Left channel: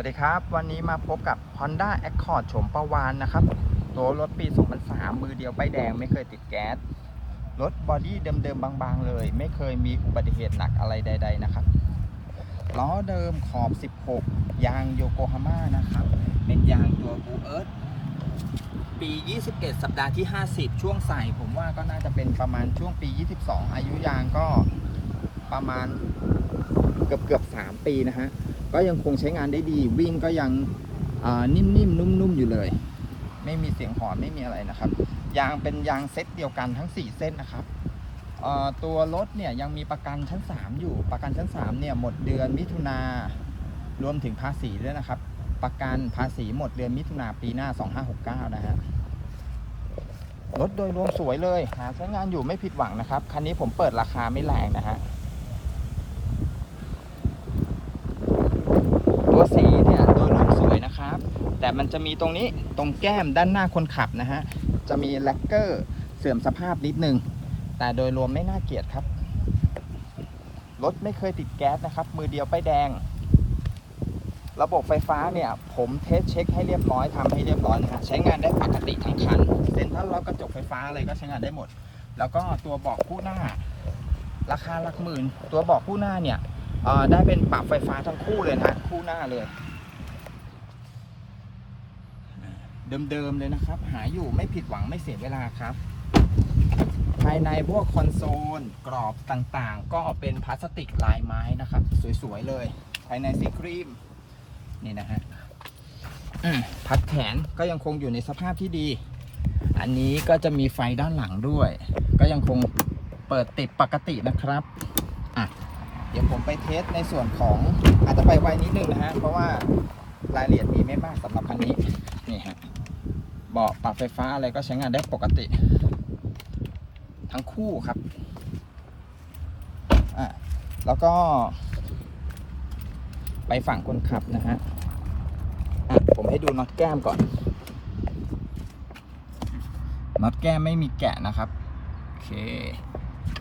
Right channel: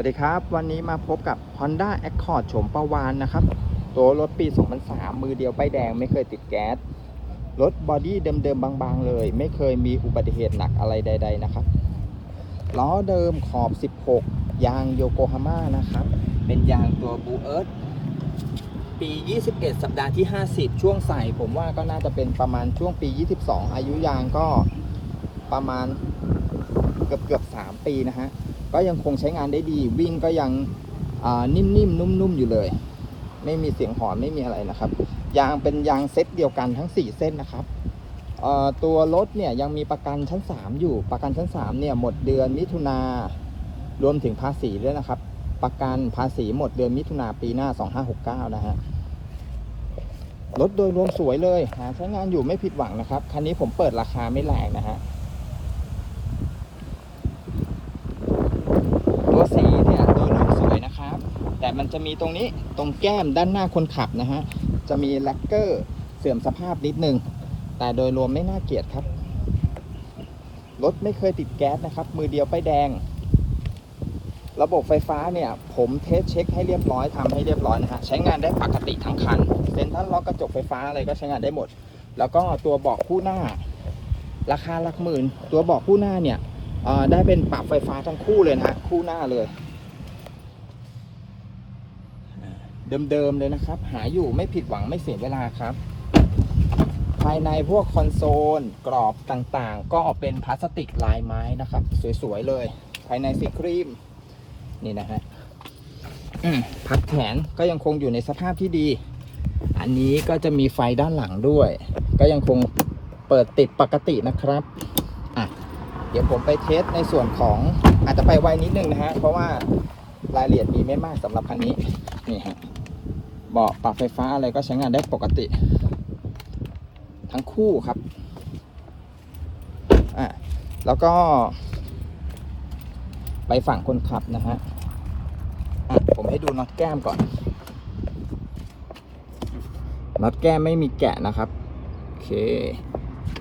วัสดีครับ วันนี้มาพบกับ Honda Accord โฉมประวานนะครับ ตัวรถปี 2003 มือเดียวป้ายแดงไม่เคยติดแก๊ส รถบอดี้เดิมๆบางๆเลย ไม่เคยมีอุบัติเหตุหนักอะไรใด ๆ นะครับ ล้อเดิมขอบ 16 ยางโยโกฮาม่านะครับ เป็นยางตัวบูเอิร์ธปี 21 สัปดาห์ที่ 50 ช่วงใส่ผมว่าก็น่าจะเป็นประมาณช่วงปี 22 อายุยางก็ประมาณ เกือบเกือบๆ3ปีนะฮะ ก็ยังคงใช้งานได้ดี วิ่งก็ยังอ่านิ่มๆ นุ่มๆ อยู่เลย ไม่มีเสียงหอนไม่มีอะไรนะครับ ยางเป็นยางเซตเดียวกันทั้ง 4 เส้นนะครับ ตัวรถเนี่ยยังมีประกันชั้น 3 อยู่ ประกันชั้น 3 เนี่ยหมดเดือนมิถุนารวมถึงภาษีด้วยนะครับ ประกันภาษีหมดเดือนมิถุนาปีหน้า 2569 นะฮะ รถโดยรวมสวยเลยหาใช้งานอยู่ไม่ผิดหวังนะครับ คันนี้ผมเปิดราคาไม่แรงนะฮะ ตัวสีเนี่ยโดยรวมสวยนะครับ แต่ มันจะมีตรงนี้ตรงแก้มด้านหน้าคนขับนะฮะ จะมีแลกเกอร์เสื่อมสภาพนิดนึง แต่โดยรวมไม่น่าเกลียดครับ รถไม่เคยติดแก๊สนะครับ มือเดียวป้ายแดง ระบบไฟฟ้าเนี่ย ผมเทสเช็คให้เรียบร้อยทำให้เรียบร้อยนะฮะ ใช้งานได้ปกติทั้งคัน เซ็นทรัลล็อกกระจกไฟฟ้าอะไรก็ใช้งานได้หมด แล้วก็ตัวเบาะคู่หน้า ราคาหลักหมื่น ตัวเบาะคู่หน้าเนี่ยได้เป็นปรับไฟฟ้าทั้งคู่เลยนะคู่หน้าเลย เดิมๆเลยนะครับ หาอยู่ไม่ผิดหวังไม่เสียเวลาครับ ภายในพวกคอนโซลกรอบต่างๆ ก็เป็นพลาสติกลายไม้นะครับ สวยๆเลย ภายในสีครีม นี่นะฮะพับแขนก็ยังคงอยู่ในสภาพที่ดี อันนี้ก็จะมีไฟด้านหลังด้วย ก็ยังคงเปิดติดปกตินะครับเดี๋ยวผมไปเทสในส่วนของอาจจะไปไวนิดนึงนะฮะ เพราะว่ารายละเอียดมีไม่มากสำหรับคันนี้ นี่ฮะ เบาะปรับไฟฟ้าอะไรก็ใช้งานได้ปกติ ทั้งคู่ครับอะแล้วก็ ไปฝั่งคนขับนะฮะอะผมให้ดูน็อตแก้มก่อนน็อตแก้มไม่มีแกะนะครับโอเค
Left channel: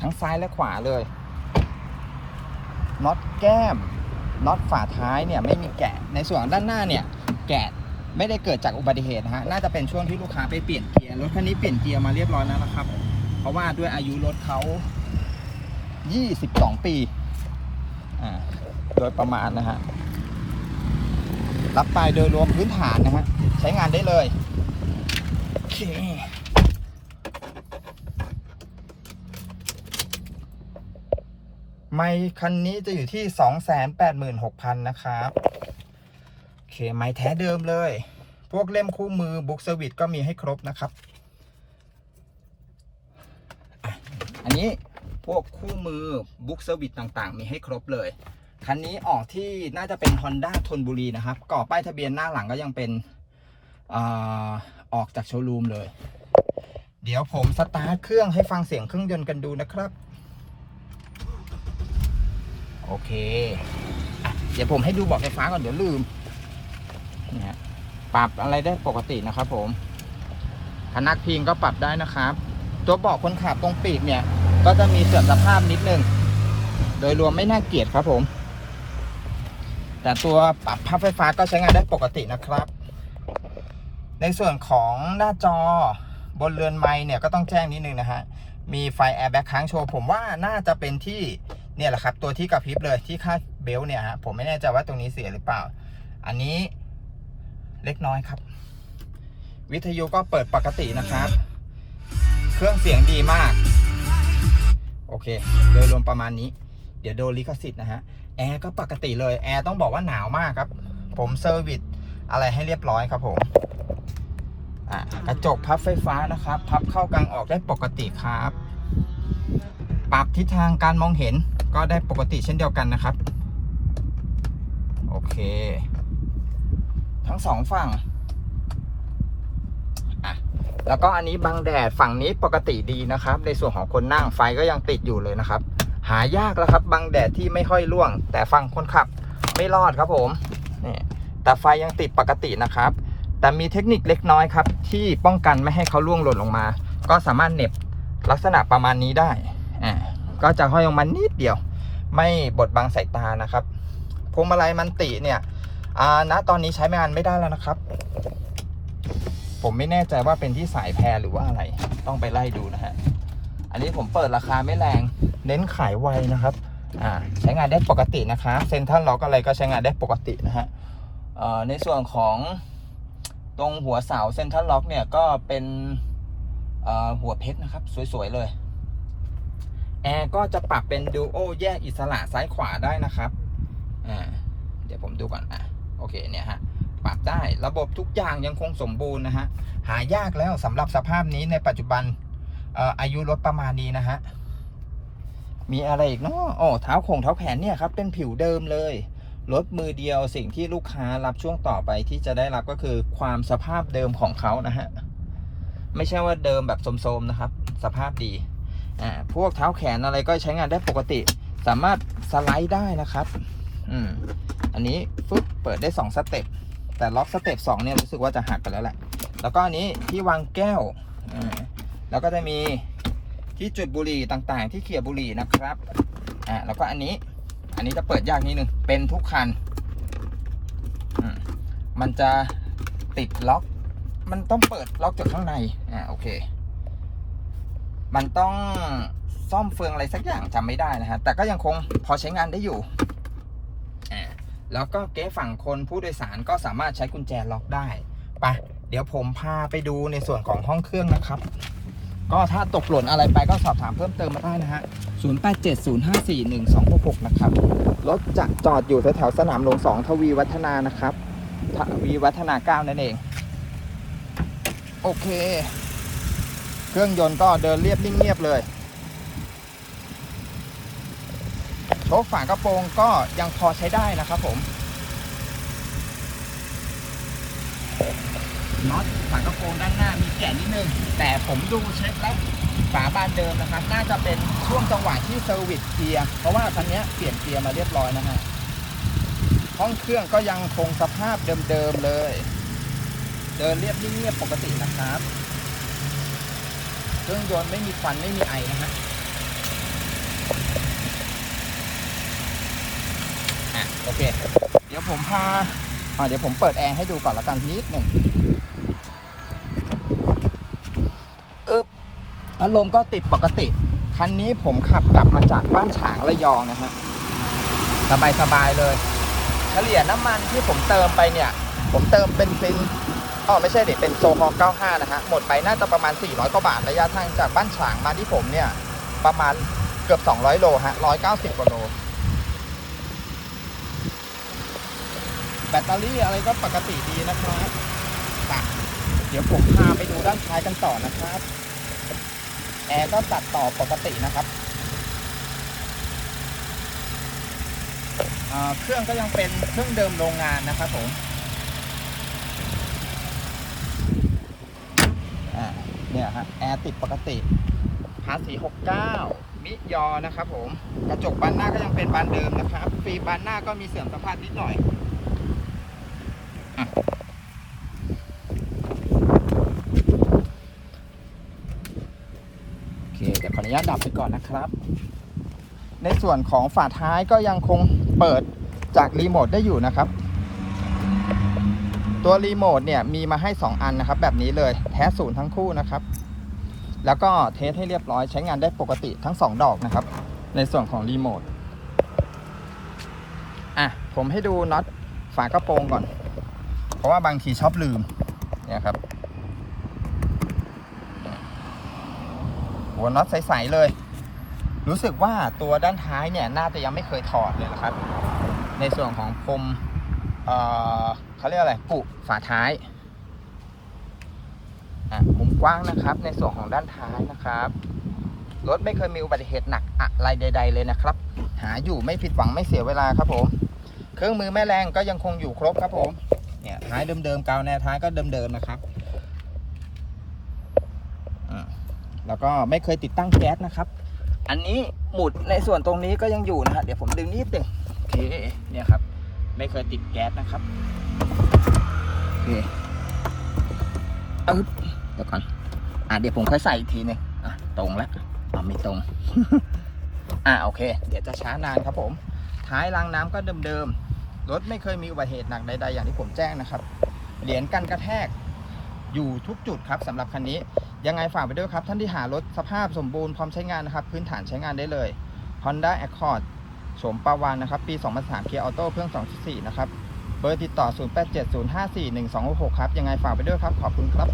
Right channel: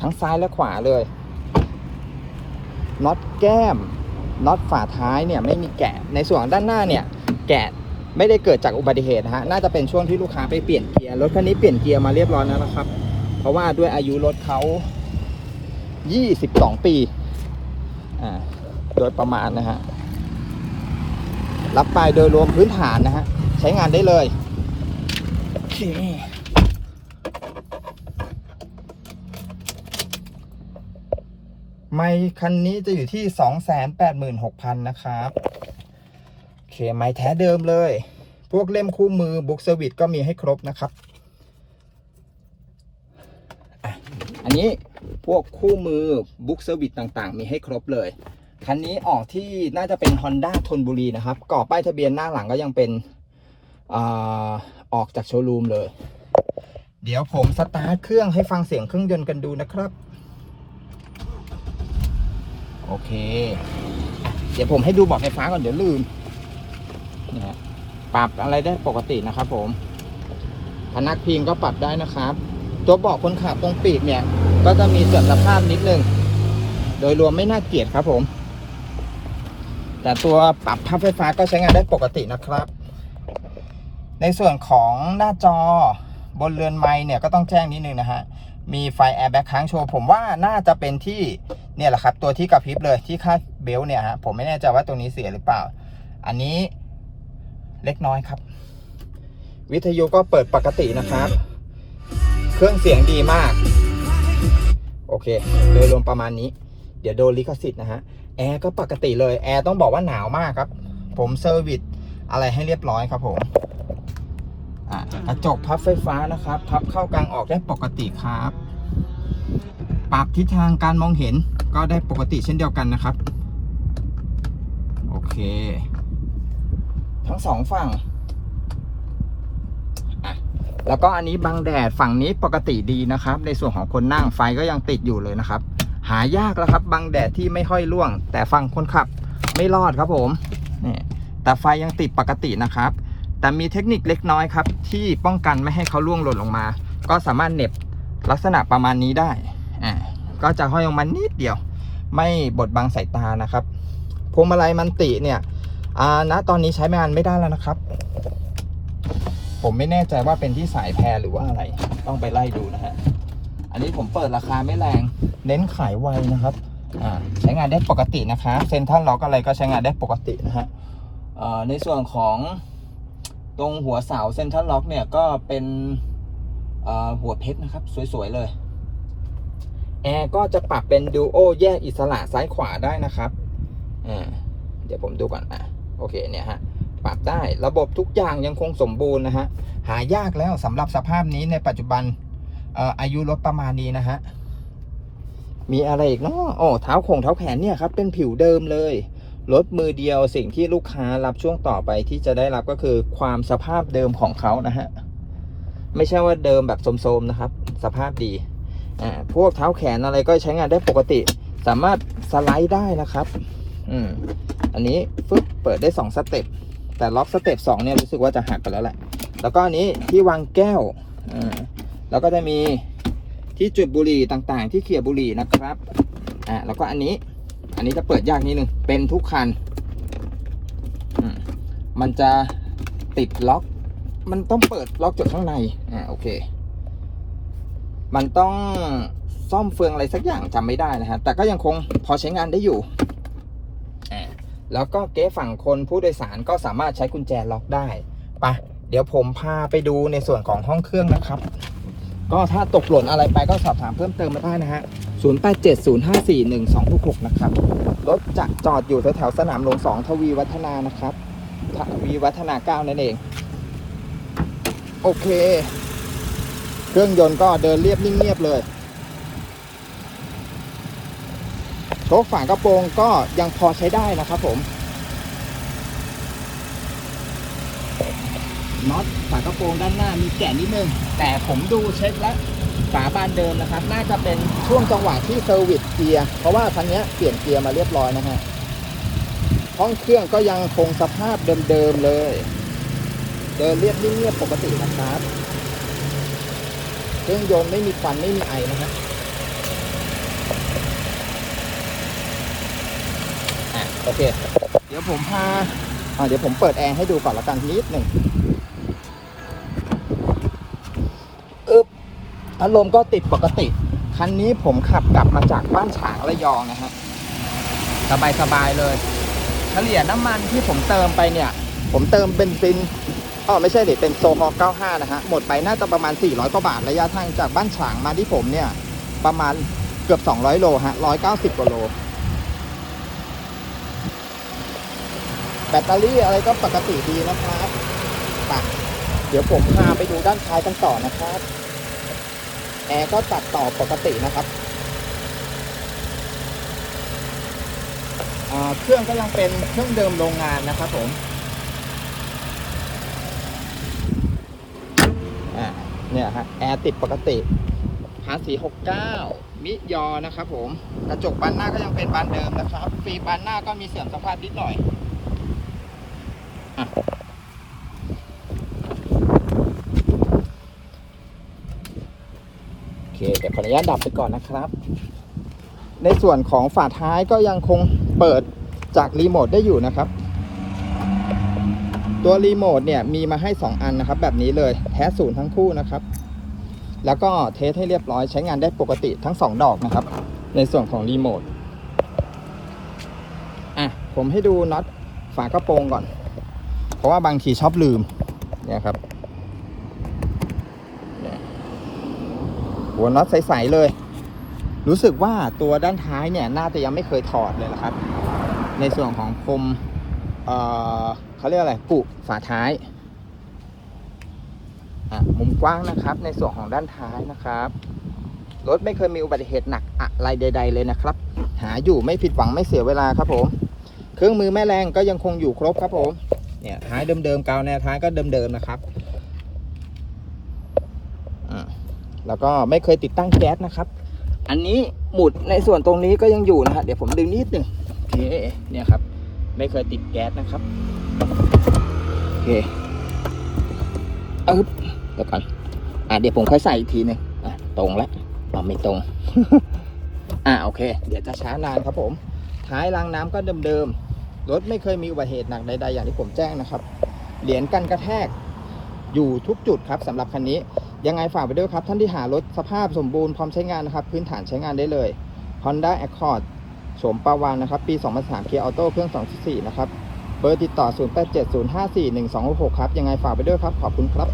ทั้งซ้ายและขวาเลยน็อตแก้มน็อตฝาท้ายเนี่ยไม่มีแกะในส่วนด้านหน้าเนี่ย แกะ ไม่ได้เกิดจากอุบัติเหตุนะฮะน่าจะเป็นช่วงที่ลูกค้าไปเปลี่ยนเกียร์รถคันนี้เปลี่ยนเกียร์มาเรียบร้อยแล้วนะครับ เพราะว่าด้วยอายุรถเขา22 ปีอ่าโดยประมาณนะฮะรับไปโดยรวมพื้นฐานนะฮะใช้งานได้เลยโอเคไมค์คันนี้จะอยู่ที่ 286,000 นะครับ ไมค์แท้เดิมเลย พวกเล่มคู่มือบุ๊กเซอร์วิสก็มีให้ครบนะครับอันนี้พวกคู่มือบุ๊กเซอร์วิสต่างๆ มีให้ครบเลย คันนี้ออกที่น่าจะเป็น Honda ทนบุรีนะครับก่อป้ายทะเบียนหน้าหลังก็ยังเป็นอออกจากโชว์รูมเลย เดี๋ยวผมสตาร์ทเครื่องให้ฟังเสียงเครื่องยนต์กันดูนะครับ โอเค เดี๋ยวผมให้ดูบอกไฟฟ้าก่อนเดี๋ยวลืม นี่ฮะปรับอะไรได้ปกตินะครับ ผม พนักพิงก็ปรับได้นะครับ ตัวเบาะคนขับตรงปีกเนี่ย ก็จะมีเสื่อมสภาพนิดนึง โดยรวมไม่น่าเกลียดครับผม แต่ตัวปรับพับไฟฟ้าก็ใช้งานได้ปกตินะครับ ในส่วนของหน้าจอบนเรือนไม้เนี่ยก็ต้องแจ้งนิดนึงนะฮะมีไฟแอร์แบ็กค้างโชว์ ผมว่าน่าจะเป็นที่เนี่ยแหละครับ ตัวที่กระพริบเลยที่คาดเบลต์เนี่ยฮะผมไม่แน่ใจว่าตัวนี้เสียหรือเปล่า อันนี้ เล็กน้อยครับ วิทยุก็เปิดปกตินะครับ เครื่องเสียงดีมาก โอเค โดยรวมประมาณนี้ เดี๋ยวโดนลิขสิทธิ์นะฮะ แอร์ก็ปกติเลย แอร์ต้องบอกว่าหนาวมากครับ ผมเซอร์วิสอะไรให้เรียบร้อยครับผมกระจกพับไฟฟ้านะครับ พับเข้ากลางออกได้ปกติครับ ปรับทิศทางการมองเห็นก็ได้ปกติเช่นเดียวกันนะครับ โอเค สองฝั่งแล้วก็อันนี้บังแดดฝั่งนี้ปกติดีนะครับ ในส่วนของคนนั่งไฟก็ยังติดอยู่เลยนะครับ หายากแล้วครับบังแดดที่ไม่ค่อยร่วง แต่ฝั่งคนขับไม่รอดครับผมนี่แต่ไฟยังติดปกตินะครับ แต่มีเทคนิคเล็กน้อยครับ ที่ป้องกันไม่ให้เขาล่วงหล่นลงมา ก็สามารถเหน็บลักษณะประมาณนี้ได้อ่าก็จะห้อยลงมานิดเดียว ไม่บดบังสายตานะครับพวงมาลัยมันติเนี่ย อ่าณตอนนี้ใช้งานไม่ได้แล้วนะครับ ผมไม่แน่ใจว่าเป็นที่สายแพรหรือว่าอะไร ต้องไปไล่ดูนะฮะ อันนี้ผมเปิดราคาไม่แรง เน้นขายไวนะครับ อ่า ใช้งานได้ปกตินะคะเซ็นทรัลล็อกอะไรก็ใช้งานได้ปกตินะฮะในส่วนของตรงหัวเสาเซ็นทรัลล็อกเนี่ยก็เป็นหัวเพชรนะครับ สวย ๆ เลย แอร์ก็จะปรับเป็นดูโอแยกอิสระซ้ายขวาได้นะครับ เดี๋ยวผมดูก่อนอะ โอเคเนี่ยฮะปรับได้ระบบทุกอย่างยังคงสมบูรณ์นะฮะหายากแล้วสำหรับสภาพนี้ในปัจจุบันเอ่ออายุรถประมาณนี้นะฮะมีอะไรอีกเนาะโอ้เท้าโคงเท้าแขนเนี่ยครับเป็นผิวเดิมเลยรถมือเดียวสิ่งที่ลูกค้ารับช่วงต่อไปที่จะได้รับก็คือความสภาพเดิมของเขานะฮะไม่ใช่ว่าเดิมแบบโทรมๆนะครับ สภาพดีอ่าพวกเท้าแขนอะไรก็ใช้งานได้ปกติ สามารถสไลด์ได้นะครับ อืมอันนี้ฟึบเปิดได้สองสเต็ปแต่ล็อกสเต็ปสองเนี่ยรู้สึกว่าจะหักไปแล้วแหละ แล้วก็อันนี้ที่วางแก้วอืมแล้วก็จะมีที่จุดบุหรี่ต่างๆ ที่เขี่ยบุหรี่นะครับอ่าแล้วก็อันนี้ อันนี้จะเปิดยากนิดนึงเป็นทุกคันอืมมันจะติดล็อก มันต้องเปิดล็อกจากข้างในอ่าโอเค มันต้องซ่อมเฟืองอะไรสักอย่างจำไม่ได้นะฮะ แต่ก็ยังคงพอใช้งานได้อยู่ แล้วก็เก๊ฝั่งคนผู้โดยสารก็สามารถใช้กุญแจล็อกได้ไปะเดี๋ยวผมพาไปดูในส่วนของห้องเครื่องนะครับ ก็ถ้าตกหล่นอะไรไปก็สอบถามเพิ่มเติมมาได้นะฮะ 0870541266 นะครับ รถจะจอดอยู่แถวสนามหลวง2ทวีวัฒนานะครับ ทวีวัฒนา 9 นั่นเอง โอเค เครื่องยนต์ก็เดินเรียบนิ่งเงียบเลย โชคฝากระโปรงก็ยังพอใช้ได้นะครับผมน็อตฝากระโปรงด้านหน้ามีแกะนิดนึง แต่ผมดูเช็คแล้วฝาบานเดิมนะครับ น่าจะเป็นช่วงจังหวะที่เซอร์วิสเกียร์เพราะว่าคันนี้เปลี่ยนเกียร์มาเรียบร้อยนะฮะห้องเครื่องก็ยังคงสภาพเดิมๆเลย เดินเรียบเงียบปกตินะครับ เครื่องยนต์ไม่มีควันไม่มีไอนะฮะอะโอเค เดี๋ยวผมพาอ่าเดี๋ยวผมเปิดแอร์ให้ดูก่อนละกันนิดหนึ่งอึ๊บพัดลมก็ติดปกติ คันนี้ผมขับกลับมาจากบ้านฉางระยองนะฮะสบายสบายเลยเฉลี่ยน้ำมันที่ผมเติมไปเนี่ย ผมเติมเป็นซินอ๋อไม่ใช่เด็เป็นโฟม95นะฮะหมดไปน่าจะประมาณ 400กว่าบาทระยะทางจากบ้านฉางมาที่ผมเนี่ย ประมาณเกือบ 200 โลฮะ190กว่าโล แบตเตอรี่อะไรก็ปกติดีนะครับอะเดี๋ยวผมพาไปดูด้านท้ายกันต่อนะครับ แอร์ก็ตัดต่อปกตินะครับเเครื่องก็ยังเป็นเครื่องเดิมโรงงานนะครับผมเนี่ยฮะแอร์ติดปกติภาษี69มิยอนะครับผม กระจกบานหน้าก็ยังเป็นบานเดิมนะครับฟีบานหน้าก็มีเสื่อมสภาพนิดหน่อย โอเคเดี๋ยวขออนุญาตดับไปก่อนนะครับ ในส่วนของฝาท้ายก็ยังคงเปิดจากรีโมทได้อยู่นะครับ ตัวรีโมทเนี่ยมีมาให้ 2 อันนะครับ แบบนี้เลยแท้ศูนย์ทั้งคู่นะครับ แล้วก็เทสให้เรียบร้อยใช้งานได้ปกติทั้ง 2 ดอกนะครับ ในส่วนของรีโมทอะผมให้ดูน็อตฝากระโปรงก่อน เพราะว่าบางทีชอบลืมเนี่ยครับหัวน็อตใสๆเลย รู้สึกว่าตัวด้านท้ายเนี่ยน่าจะยังไม่เคยถอดเลยนะครับ ในส่วนของคมเอ่อเขาเรียกอะไรปุฝาท้ายอะมุมกว้างนะครับ ในส่วนของด้านท้ายนะครับรถไม่เคยมีอุบัติเหตุหนักอะไรใด ๆ เลยนะครับ หาอยู่ไม่ผิดหวังไม่เสียเวลาครับผม เครื่องมือแม่แรงก็ยังคงอยู่ครบครับผม เนี่ยท้ายเดิมๆกาวแนวท้ายก็เดิมๆนะครับแล้วก็ไม่เคยติดตั้งแก๊สนะครับ อันนี้หมุดในส่วนตรงนี้ก็ยังอยู่นะฮะเดี๋ยวผมดึงนิดหนึ่งโอเคเนี่ยครับ ไม่เคยติดแก๊สนะครับโอเคเอาเดี๋ยวก่อนอะเดี๋ยวผมค่อยใส่อีกทีหนึ่งอะตรงแล้วอ๋อไม่ตรง อะโอเค เดี๋ยวจะช้านานครับผม ท้ายรางน้ำก็เดิมๆ รถไม่เคยมีอุบัติเหตุหนักใดๆอย่างที่ผมแจ้งนะครับ เหรียญกันกระแทกอยู่ทุกจุดครับสำหรับคันนี้ ยังไงฝากไปด้วยครับ ท่านที่หารถสภาพสมบูรณ์พร้อมใช้งานนะครับ พื้นฐานใช้งานได้เลย Honda Accord โฉมปาวานนะครับ ปี 2003เกียร์ออโต้เครื่อง 2.4 นะครับ เบอร์ติดต่อ 0870541266 ครับ ยังไงฝากไปด้วยครับ ขอบคุณครับ